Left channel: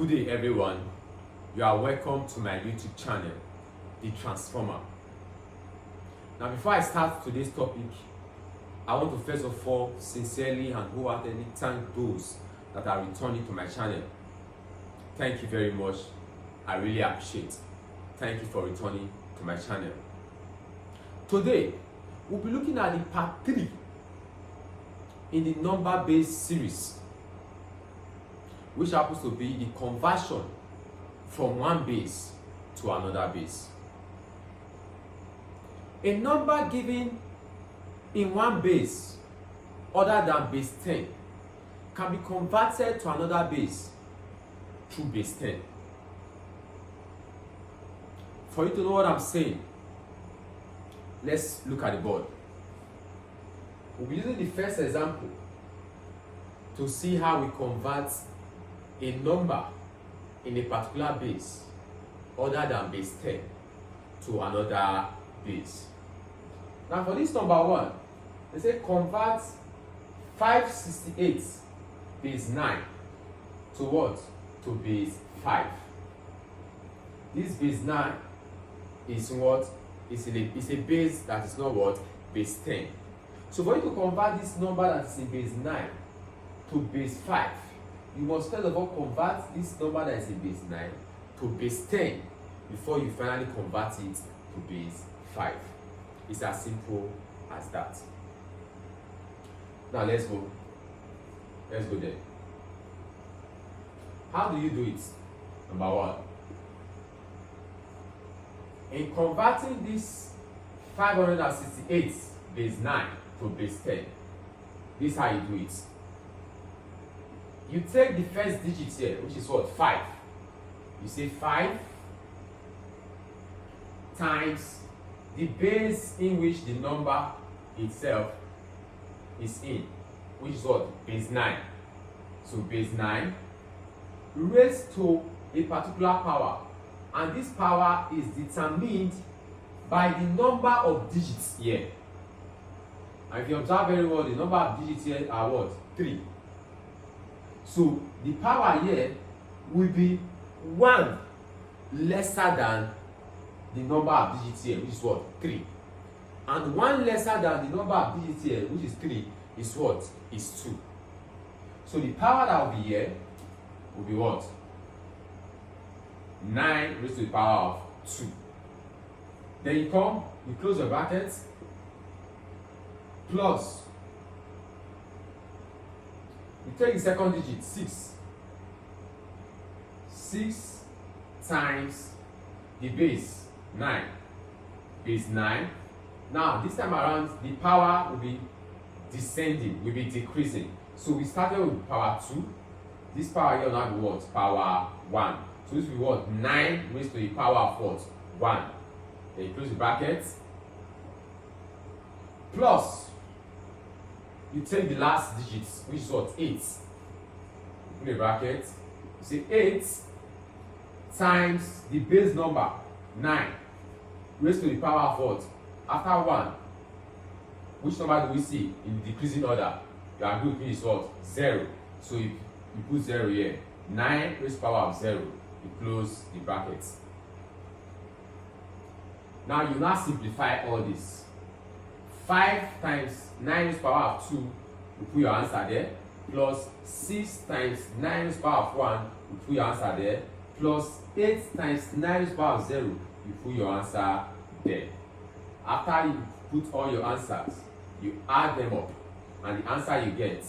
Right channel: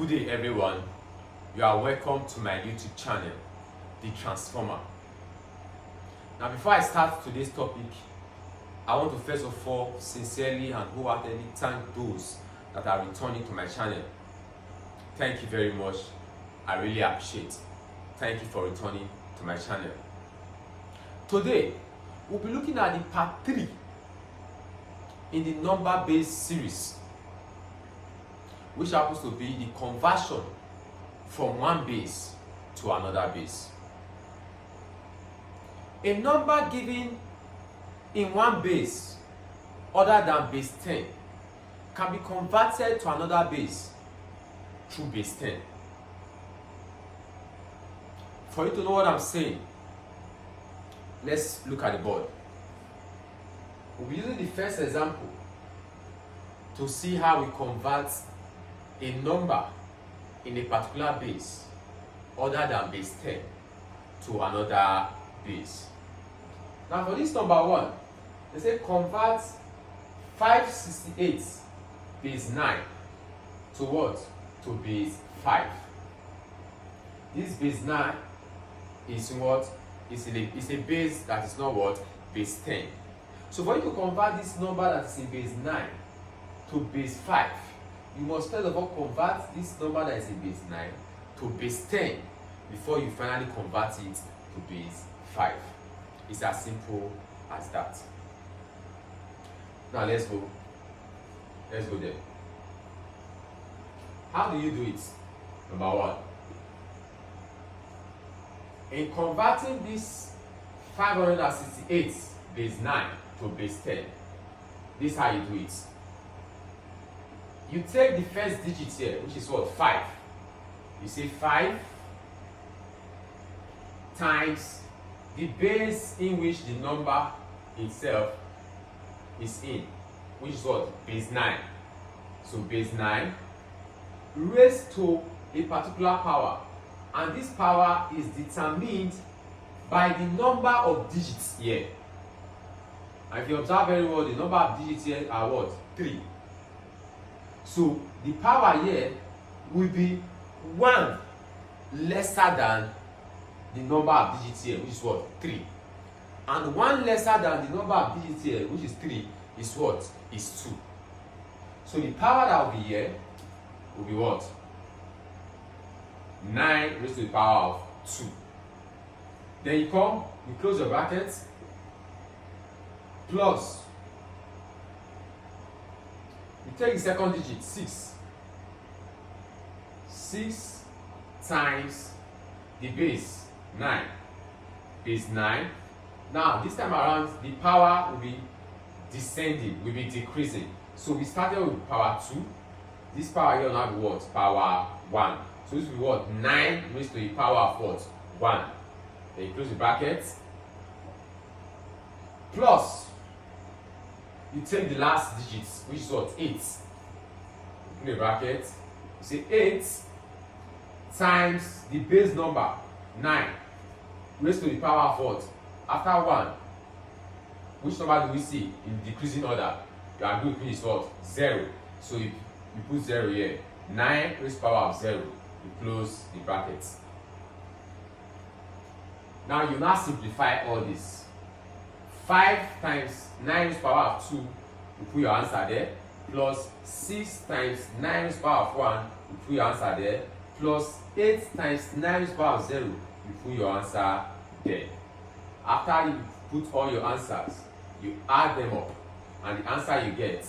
Good day everyone, you are welcome to my YouTube channel, The Transformer. Now before I start today's topic, I want to first of all sincerely and wholeheartedly thank those that are returning to my channel. Thank you very much, I really appreciate. Thank you for returning to my channel. Today, we'll be looking at the part 3 in the number-based series, which happens to be the conversion from one base to another base. A number given in one base other than base 10 can be converted to another base through base 10. For you to know what I'm saying, let's look at the board. We'll be using the first example to see how we convert a number in a particular base other than base 10 to another base. Now for this number 1, they say convert 568 base 9 to what? To base 5. This base 9 is what? It's a base that is not what? Base 10. So for you to convert this number that is in base 9 to base 5, you must first of all convert this number that is in base 9 to base 10 before you finally convert it to base 5. It's as simple as that. Now let's go. Let's go there. How do you do it? Number 1. In converting this 568 base 9 to base 10, this is how you do it. You take the first digit here, which is what? 5. You say 5 times the base in which the number itself is in, which is what? Base 9. So base 9 raised to a particular power, and this power is determined by the number of digits here. And if you observe very well, the number of digits here are what? 3. So the power here will be 1 lesser than the number of digits here, which is what? 3. And 1 lesser than the number of digits here, which is 3, is what? Is 2. So the power that will be here will be what? 9 raised to the power of 2. Then you come, you close your brackets, plus, you take the second digit, 6. 6 times the base, 9. Base 9. Now, this time around, the power will be descending, will be decreasing. So we started with power 2. This power here will now be what? Power 1. So this will be what? 9 raised to the power of what? 1. Then you close the brackets. Plus, you take the last digits, which is what? 8. Open the bracket. You say 8 times the base number, 9, raised to the power of what? After 1, which number do we see in the decreasing order? You are going to put is what? 0. So you put 0 here. 9 raised to the power of 0. You close the brackets. Now you now simplify all this. 5 times 9 raised to the power of 2, you put your answer there, plus 6 times 9 raised to the power of 1, you put your answer there, plus 8 times 9 raised to the power of 0, you put your answer there. After you put all your answers, you add them up, and the answer you get,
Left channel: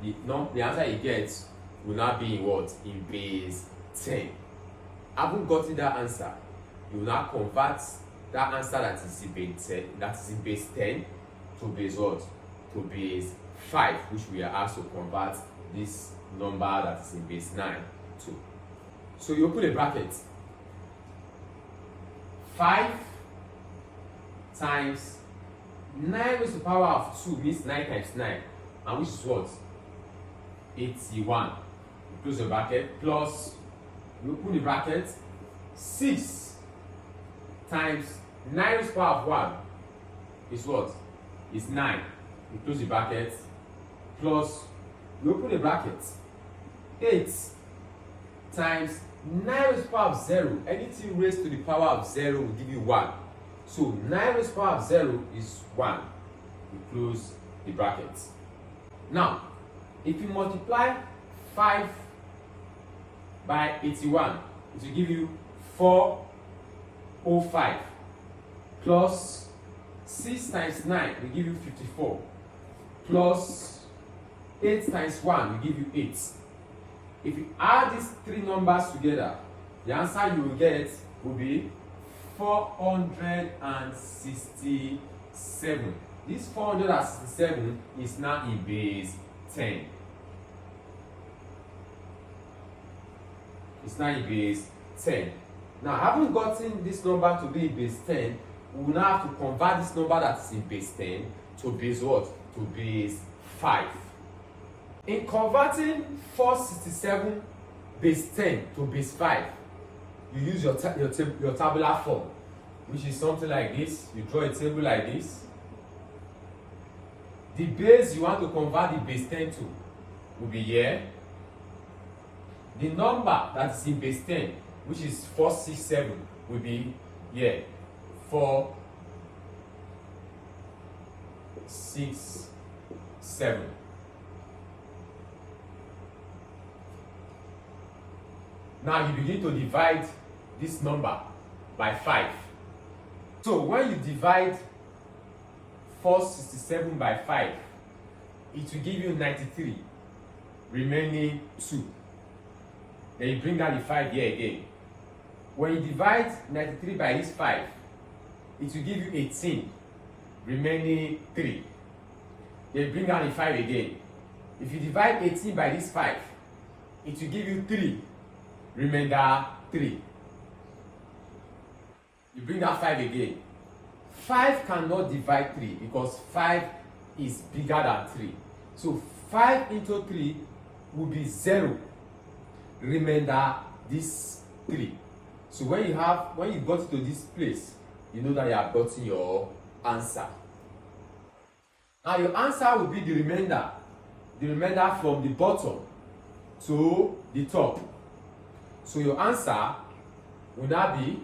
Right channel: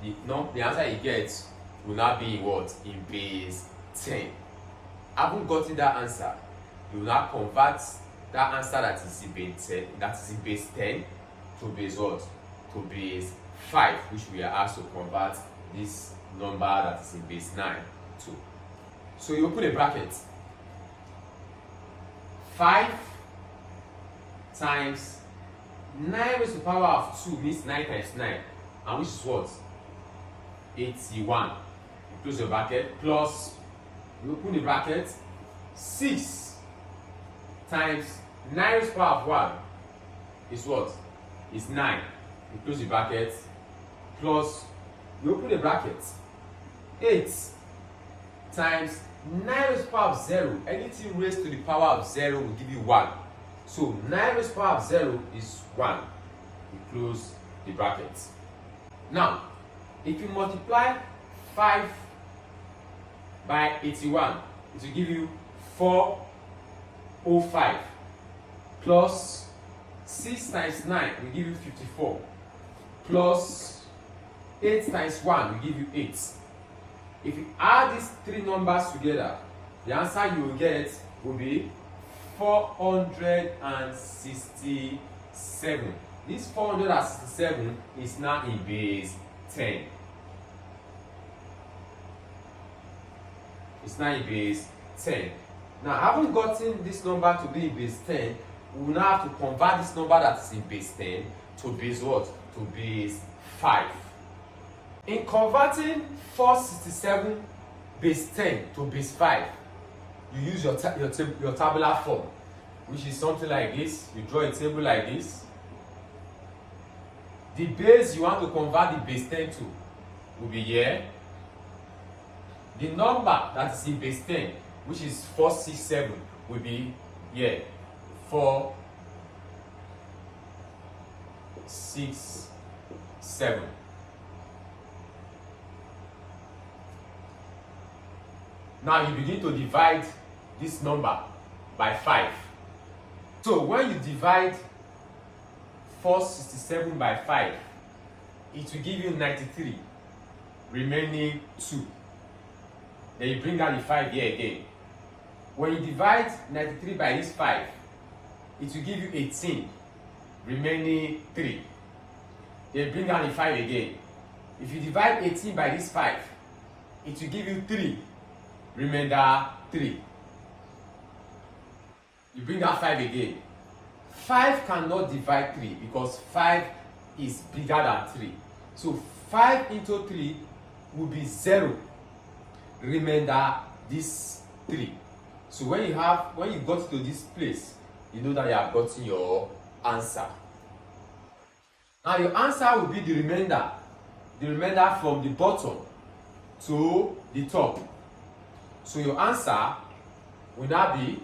the answer you get will now be in what? In base 10. Having gotten that answer, you will now convert that answer that is in base 10, to base what? To base 5, which we are asked to convert this number that is in base 9 to. So you open a bracket. 5 times 9 raised to the power of 2 means 9 times 9, and which is what? 81. You close the bracket, plus you open the bracket. 6 times 9 raised to the power of 1 is what? Is 9. You close the bracket, plus you open the bracket. 8 times 9 raised to the power of 0. Anything raised to the power of 0 will give you 1. So 9 raised to the power of 0 is 1. We close the brackets. Now, if you multiply 5 by 81, it will give you 405 plus 6 times 9 will give you 54 plus 8 times 1 will give you 8. If you add these three numbers together, the answer you will get will be 467. This 467 is now in base 10. It's now in base 10. Now, having gotten this number to be in base 10, we will now have to convert this number that is in base 10 to base what? To base 5. In converting 467 base 10 to base 5, you use your tabular form, which is something like this. You draw a table like this. The base you want to convert the base 10 to will be here. The number that is in base 10, which is 467, will be here. 467. Now you begin to divide this number by 5. So when you divide 467 by 5, it will give you 93, remaining 2. Then you bring down the 5 here again. When you divide 93 by this 5, it will give you 18, remaining 3. Then you bring down the 5 again. If you divide 18 by this 5, it will give you 3, remainder 3. You bring down 5 again. 5 cannot divide 3 because 5 is bigger than 3. So 5 into 3 will be 0. Remainder this 3. So when you got to this place, you know that you have gotten your answer. Now your answer will be the remainder from the bottom to the top. So your answer will now be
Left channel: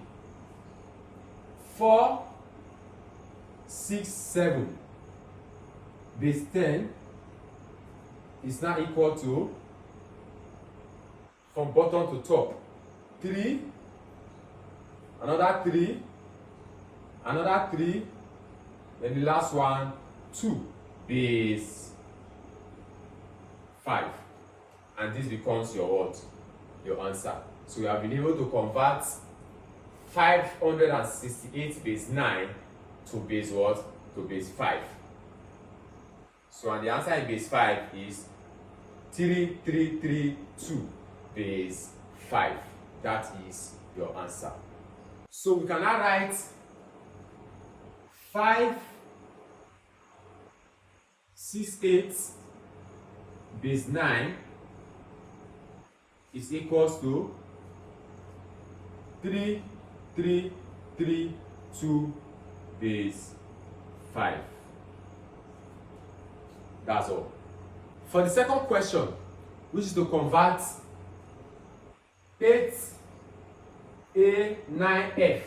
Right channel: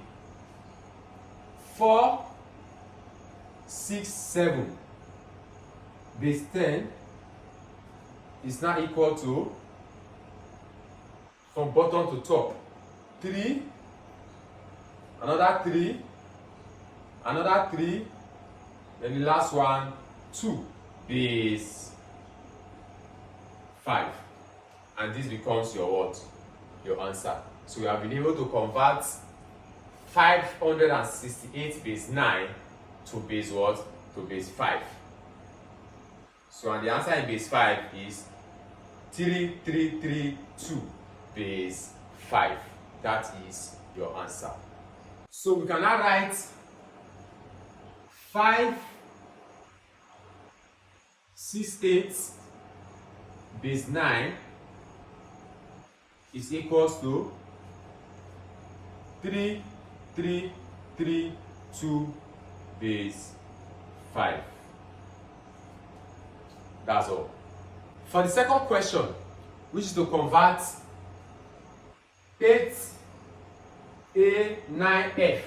467 base 10 is now equal to, from bottom to top, 3, another 3, another 3, then the last one, 2 base 5. And this becomes your what? Your answer. So you have been able to convert 568 base 9 to base what? To base 5. So and the answer in base 5 is 3332 base 5. That is your answer. So we can now write 568 base 9 is equals to 3332 base 5. That's all. For the second question, which is to convert 8A9F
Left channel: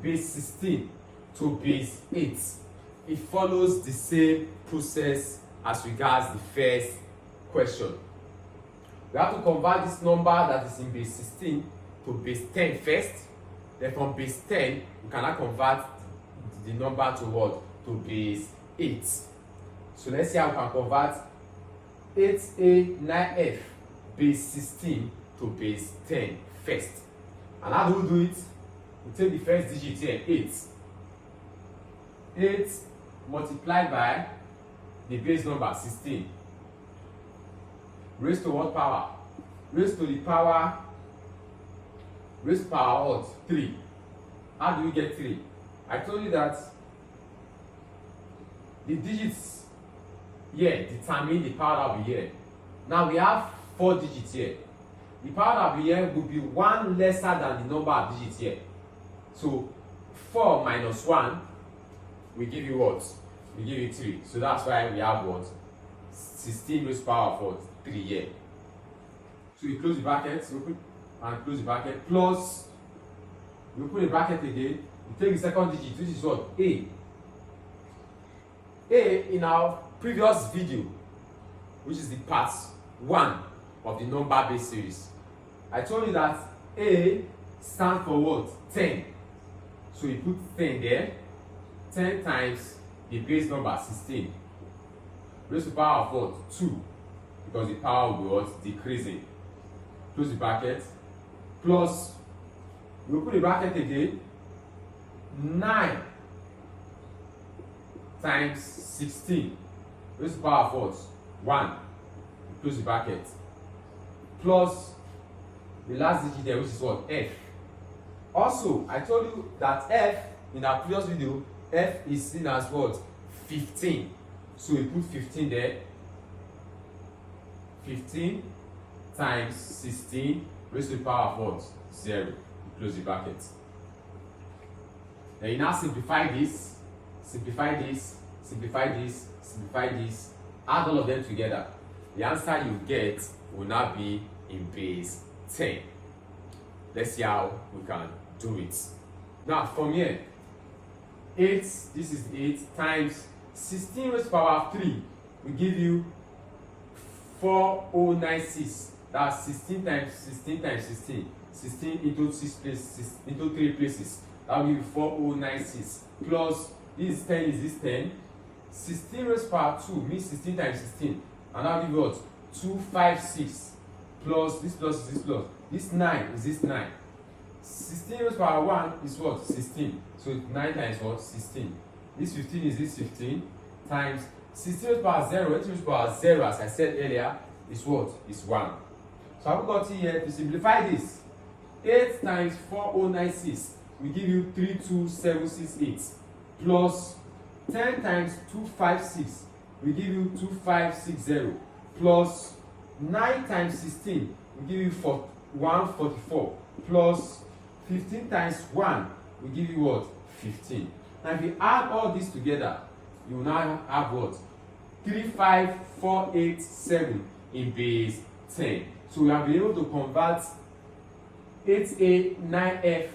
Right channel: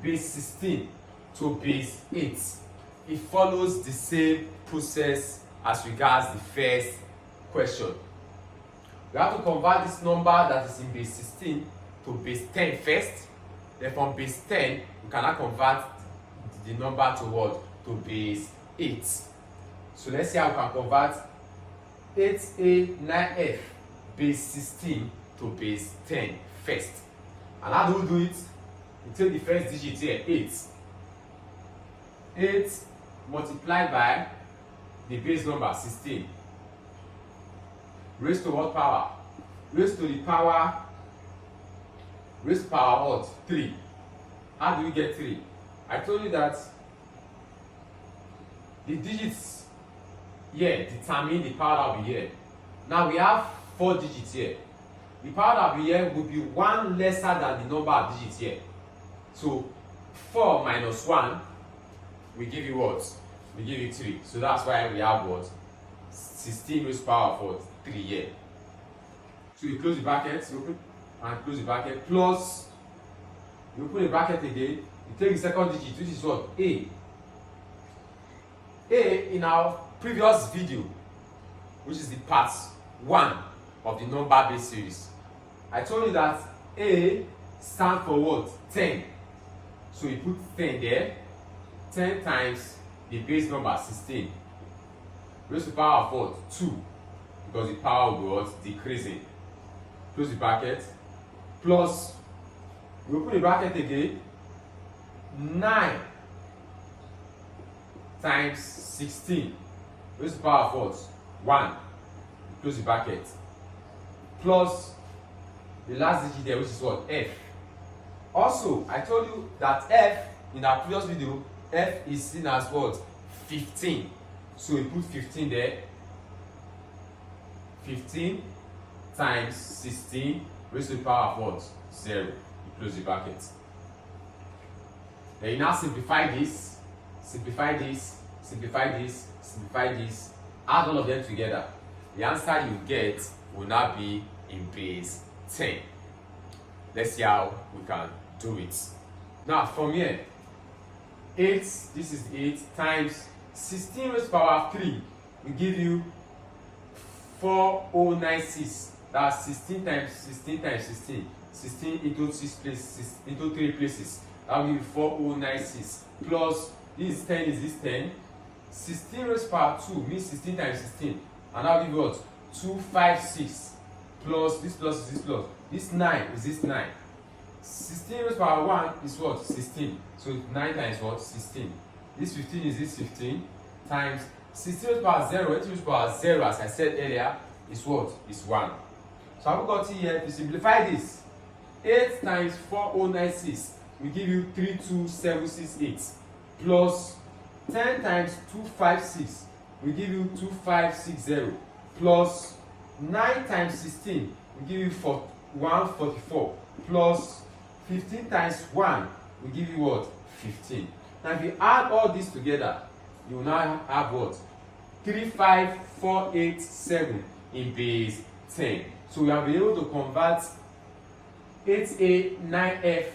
base 16 to base 8, it follows the same process as regards the first question. We have to convert this number that is in base 16 to base 10 first. Then from base 10, we cannot convert the number to what? To base 8. So let's see how we can convert 8A9F base 16 to base 10 first. And how do we do it? We take the first digit here, 8. 8 multiplied by the base number 16. Raised to what power? Raised to the power, raised to power what? 3. How do we get 3? I told you that the digits here determine the power that will be here. Now we have 4 digits here. The power that will be here will be 1 lesser than the number of digits here. So 4 minus 1 will give you what? Will give you 3. So that's why we have what? 16 raised to the power of what? 3 here. So you close the brackets, open. and close the bracket, plus you open the bracket again, you take the second digit, which is what? A. A, in our previous video, which is the part 1 of the number base series, I told you that A stands for what? 10. So you put 10 there. 10 times the base number 16 raised to the power of what? 2, because the power will be what? Decreasing. Close the bracket, plus we open the bracket again, 9 times 16 raised to the power of what? 1. Close the bracket, plus the last digit there, which is what? F. Also, I told you that F, in our previous video, F is seen as what? 15. So we put 15 there. 15 times 16 raised to the power of what? 0. You close the bracket. Then you now simplify this, simplify this, simplify this, simplify this, add all of them together. The answer you get will now be in base 10. Let's see how we can do it. Now from here, 8, this is 8 times 16 raised to the power of 3 will give you 4096. That's 16 times 16 times 16. 16 into 6 places, into 3 places. That will give you 4096. Plus, this is 10, is this 10? 16 raised to the power 2 means 16 times 16. And that will give you what? 256. Plus, this plus is this plus. This 9 is this 9. 16 raised to the power 1 is what? 16. So 9 times what? 16. This 15 is this 15 times 16 raised to the power 0. 8 raised to the power 0, as I said earlier, is what? Is 1. So I've got here to simplify this. 8 times 4096 will give you 32768. Plus 10 times 256 will give you 2560. Plus 9 times 16 will give you 144. Plus 15 times 1 will give you what? 15. Now if you add all this together, you will now have what? 35487 in base 10. So we have been able to convert 8A 9F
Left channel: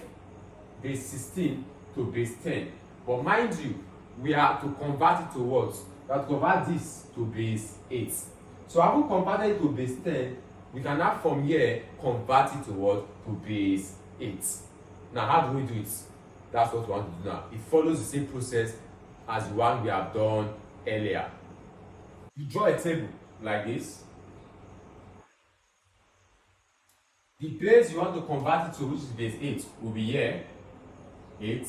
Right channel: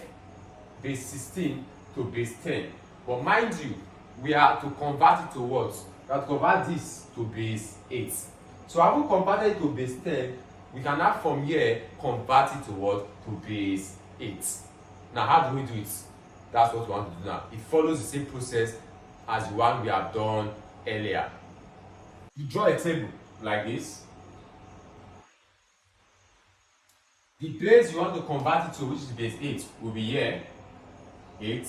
base 16 to base 10. But mind you, we are to convert it to what? We have to convert this to base 8. So having converted it to base 10, we can now from here convert it to what? To base 8. Now how do we do it? That's what we want to do now. It follows the same process as the one we have done earlier. You draw a table like this. The base you want to convert it to, which is base 8, will be here, 8.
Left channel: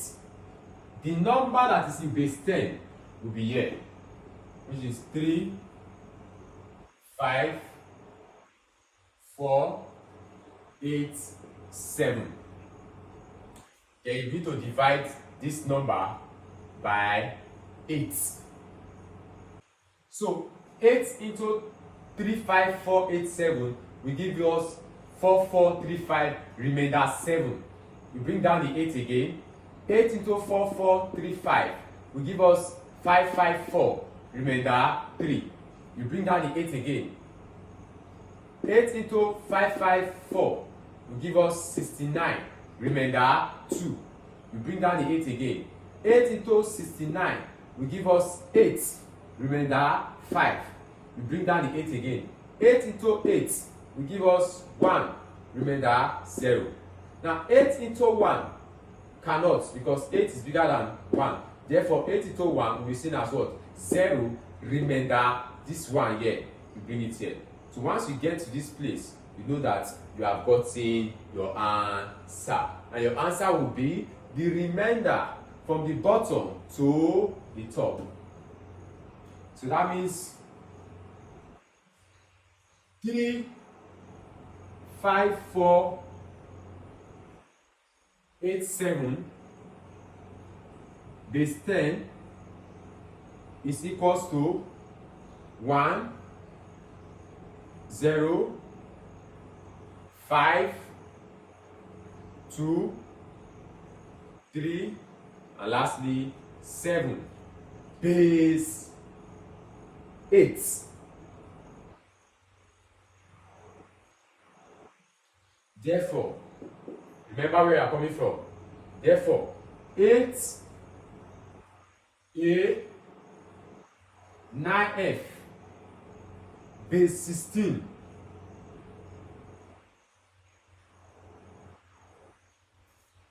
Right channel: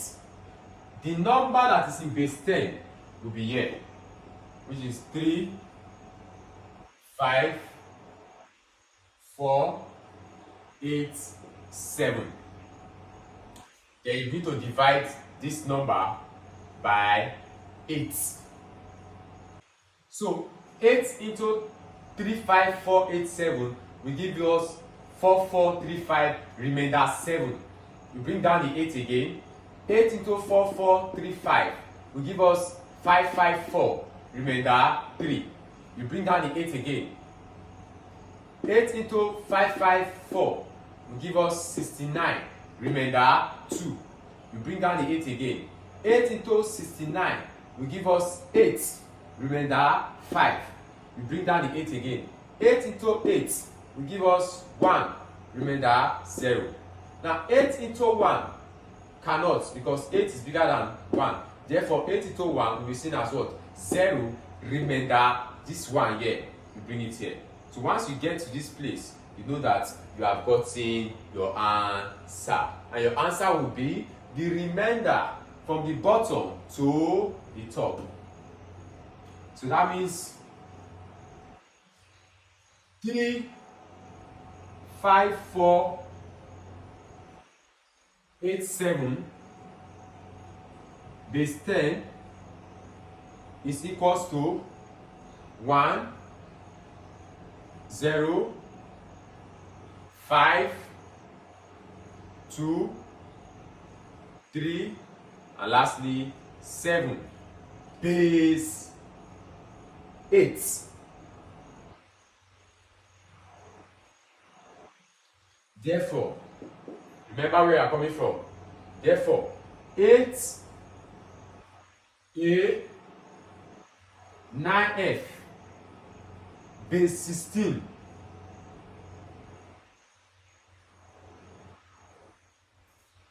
The number that is in base 10 will be here, which is 3, 5, 4, 8, 7. Then you need to divide this number by 8. So 8 into 35487 will give us 4435, remainder 7. We bring down the 8 again. 8 into 4435 will give us 554, remainder 3. You bring down the 8 again. 8 into 554 will give us 69, remainder 2. We bring down the 8 again. 8 into 69 will give us 8, remainder 5. We bring down the 8 again. 8 into 8 will give us 1, remainder 0. Now 8 into 1 cannot, because 8 is bigger than 1. Therefore 8 into 1 will be seen as what? 0, remainder this 1 here. You bring it here. So once you get to this place, you know that you have gotten your answer. And your answer will be the remainder from the bottom to the top. So that means 3, 5, 4, 8, 7 base 10 is equals to 1, 0, 5, 2, 3, and lastly 7 base 8. Therefore, remember where I'm coming from. Therefore, 8a 9f base 16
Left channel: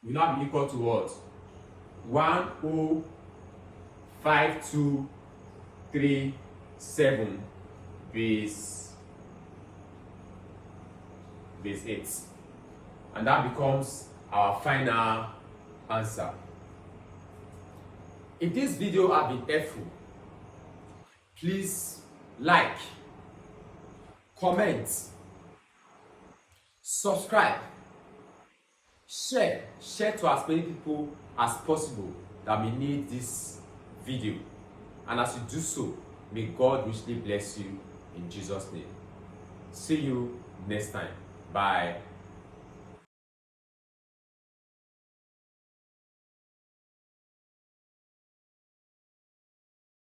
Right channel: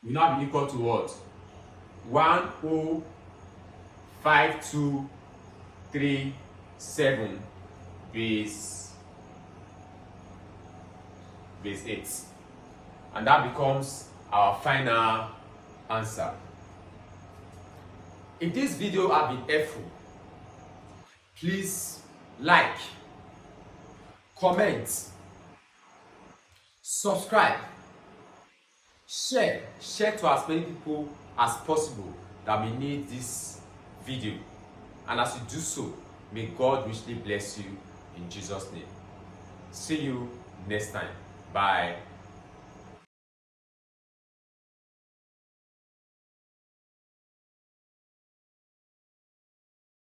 will now be equal to what? 105,237 base 8. And that becomes our final answer. If this video has been helpful, please like, comment, subscribe, share to as many people as possible that may need this video. And as you do so, may God richly bless you in Jesus' name. See you next time. Bye.